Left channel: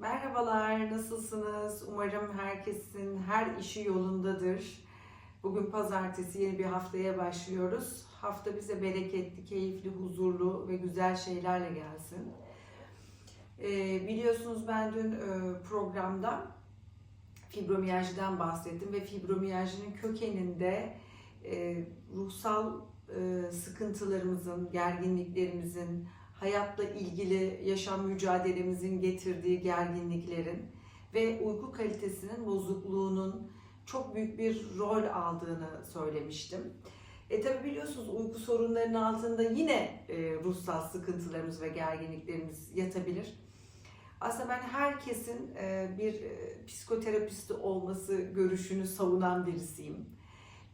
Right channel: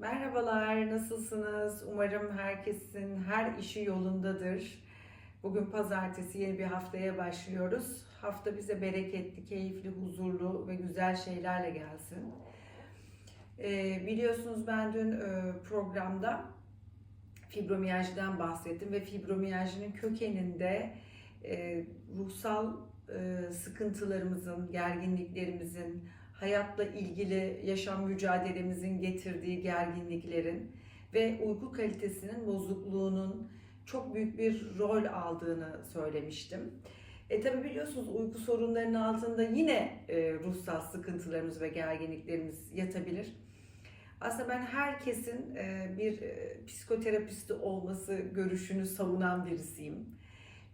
Merhabalar, nasılsınız? Umarım herkesin her işi yolundadır. Bugün pazartesi yeni bir haftaya başlıyoruz. Hafta bize bereketli, keyifli, huzurlu ve güzel şeylerle gelsin. Ee, biliyorsunuz ben dün e, programda fibromiyajdan bahsettim ve fibromiyajının kökeninde e, ruhsal e, sıkıntılarımızın, gerginliklerimizin, hayatla ilgili yaşam mücadelemizin getirdiği gerginliklerin ve uyku kalitesinin bozukluğunun çok büyük bir rol aldığını söylemiştim. E tabi biliyorsunuz uyku sorunlarının altında yine e, ruhsal sıkıntılarımız ve gerginliklerimiz yatabilir. Aslında ben herkesin e, bir e, psikoterapisti olması görüşünü savunan birisiyim.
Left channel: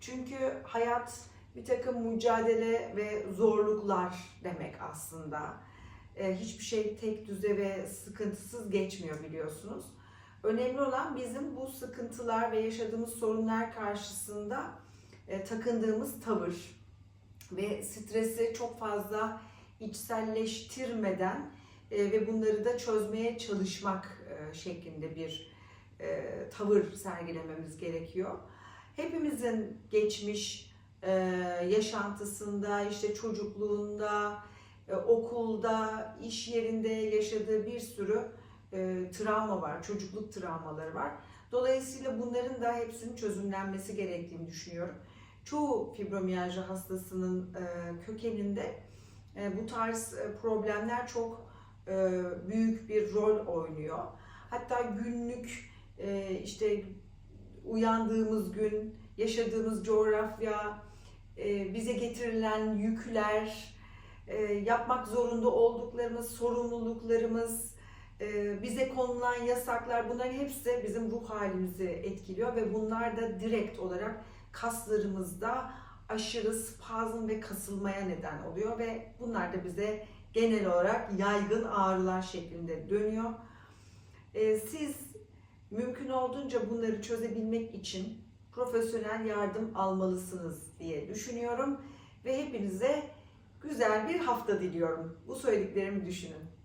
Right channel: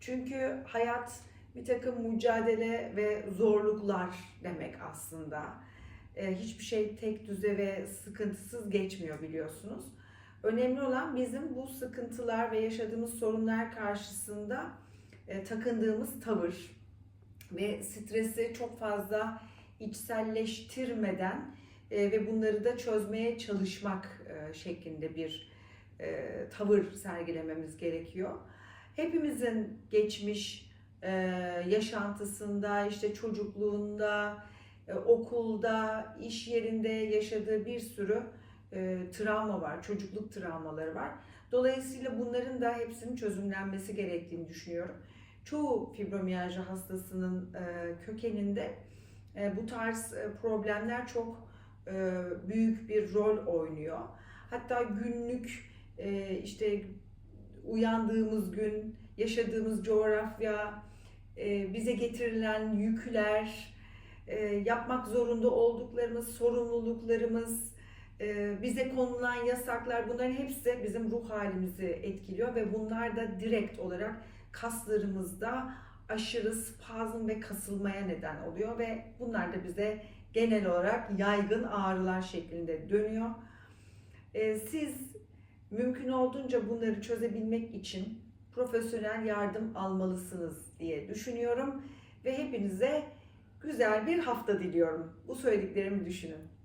Çünkü hayat bir takım mücadele ve zorluklar demek aslında. E, hiçbir şey tek düze ve sıkıntısız geçmiyor biliyorsunuz. Önemli olan bizim bu sıkıntılar ve yaşadığımız sorunlar karşısında e, takındığımız tavır ve stresi çok fazla içselleştirmeden e, ve bunları da çözmeye çalışmak şeklinde bir tavır sergilememiz gerekiyor. Hepimizin geçmiş e, yaşantısında, işte çocukluğunda, e, okulda, iş yerinde yaşadığı bir sürü e, travma var, çocukluk travmaları var. Dolayısıyla bunların da hepsinin çözümlenmesi gerektiğini düşünüyorum. Çoğu fibromiyalji hastasının kökeninde bu tarz problemler çok büyük bir rol oynuyor. Hatta günlük işte uyandığımız gün, yaşadığımız coğrafya, bize getirilen yükler, e, yapmak zorunda olduklarımız, sorumluluklarımız, e, bize konulan yasaklar bunların hepsi bizim ruh halimizi etkiliyor ve bunlar da direkt olarak kaslarımızda aşırı spazm ve kasılmaya neden oluyor ve bunlar da bize genel olarak yaygın ağrılar şeklinde dönüyor. E, siz mümkün olduğunca bunları çözebilmek için profesyonel yardım almalısınız diye düşünüyorum ve hepinize güzel bir hafta diliyorum. Bu söylediklerimi düşünün.